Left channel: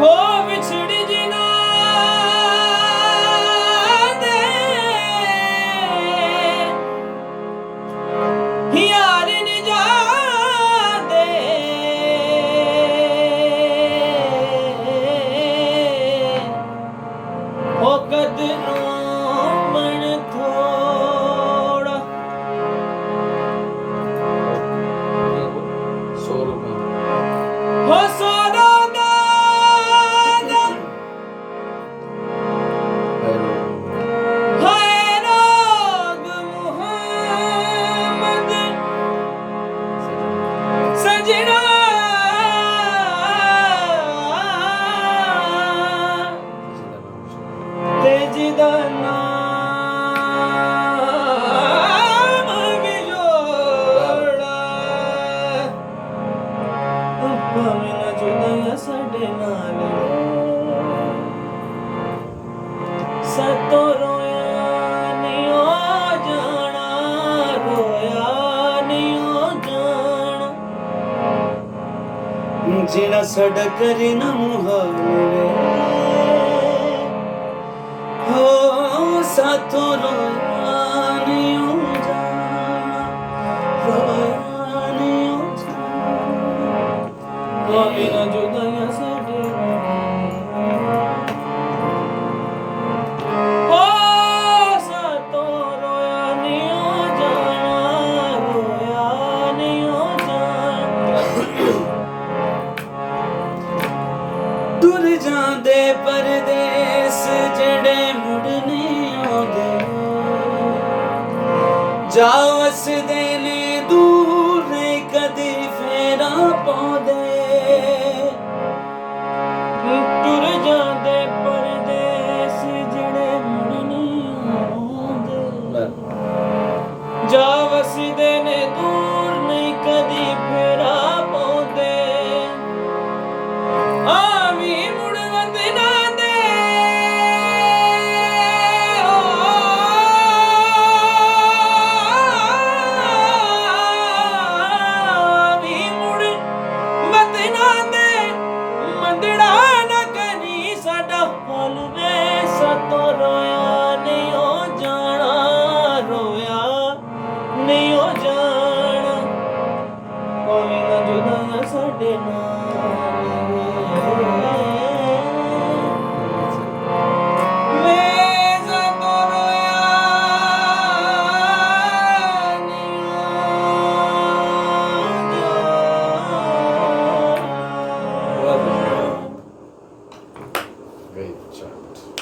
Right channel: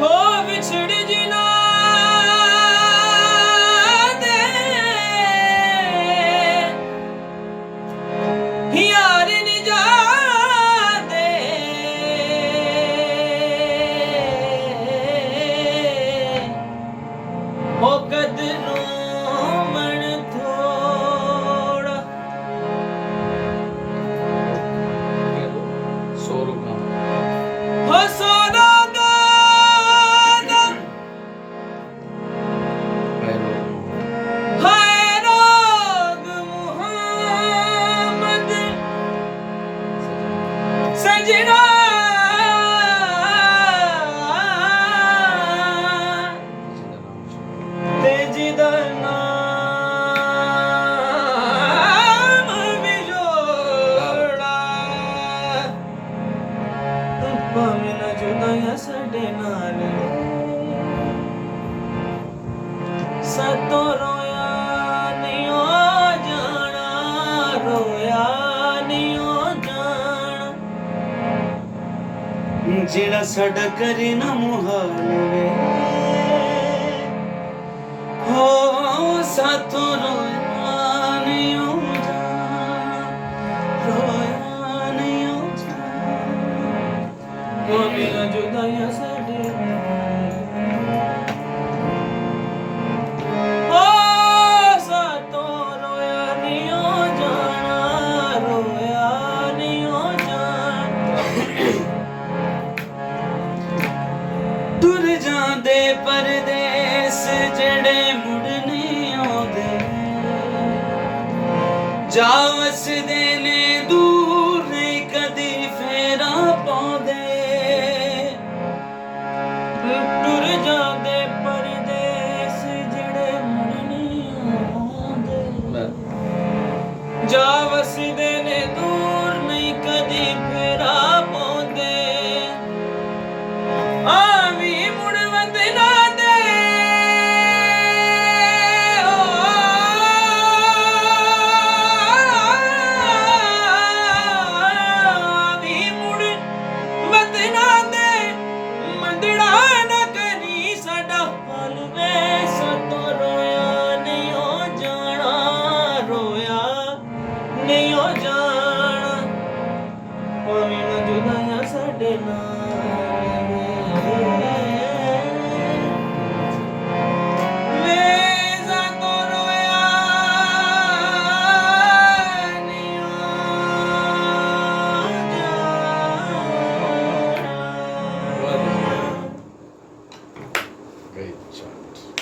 ਹੋ ਵਿਛੜ ਜਿਨਾ ਦੇ ਯਾਰ ਨੀ ਜਾਦੇ ਹੋ ਕਦ ਨੂੰ ਮਨ ਥੋੜਾ ਹੋ ਸੋਨਾ ਸਜਣਾ ਤੇ ਜਿਹਦਾ ਨਾਮ ਵੀ ਜੋੜਾ ਭਾਵੇਂ ਨਾ ਜੁਦਾ ਸਾਡੇ ਨਾਲ ਸਤੋ ਰੋਇਆ ਨਹੀਂ ਹੋ ਜਾਣਾ ਰੋਇਆ ਨਹੀਂ ਹੋ ਜਾਣਾ ਜਿਹੜਾ ਸਾਡਾ ਕਰੇ ਨਾ ਮੁਹਾਵੇ ਹੋ ਸਾਥੋਂ ਰੋਇਆ ਨਹੀਂ ਹੋ ਜਾਣਾ ਰੋਇਆ ਨਹੀਂ ਹੋ ਜਾਣਾ ਭਾਵੇਂ ਨਾ ਜੁਦਾਈਆਂ ਸਾਡੇ ਹੋ ਸਤੋ ਰੋਇਆ ਨਹੀਂ ਹੋ ਜਾਣਾ ਰੋਇਆ ਨਹੀਂ ਹੋ ਜਾਣਾ ਤੁਰ ਜਾਂਦੇ ਪਰਦੇਸ ਜਿਹੜੇ ਮੁੜ ਨਹੀਂ ਆਉਂਦੇ ਜਾ ਵਸਦੇ ਨੇ ਦੂਰ ਨਹੀਂ ਕਦੀ ਫੇਰਾ ਪਾਉਂਦੇ ਟੁਰ ਜਾਂਦੇ ਪਰਦੇਸ ਜਿਹੜੇ ਮੁੜ ਨਹੀਂ ਆਉਂਦੇ ਜਾ ਵਸਦੇ ਨੇ ਦੂਰ ਨਹੀਂ ਕਦੀ ਫੇਰਾ ਪਾਉਂਦੇ ਆਵੀਂ ਮੁੜ ਵਤਨਾਂ ਦੇ ਆਵੀਂ ਮੁੜ ਵਤਨਾਂ ਦੇ ਮੰਦੜਾ ਨਾ ਕਰੀ ਸਾਡਾ ਹਾਲ ਵੇ ਸਤੋ ਰੋਇਆ ਨਹੀਂ ਹੋ ਜਾਣਾ ਰੋਇਆ ਨਹੀਂ ਹੋ ਜਾਣਾ ਭਾਵੇਂ ਨਾ ਜੁਦਾਈਆਂ ਸਾਡੇ ਨਾਲ ਵੇ ਸਤੋ ਰੋਇਆ ਨਹੀਂ ਹੋ ਜਾਣਾ Great shot.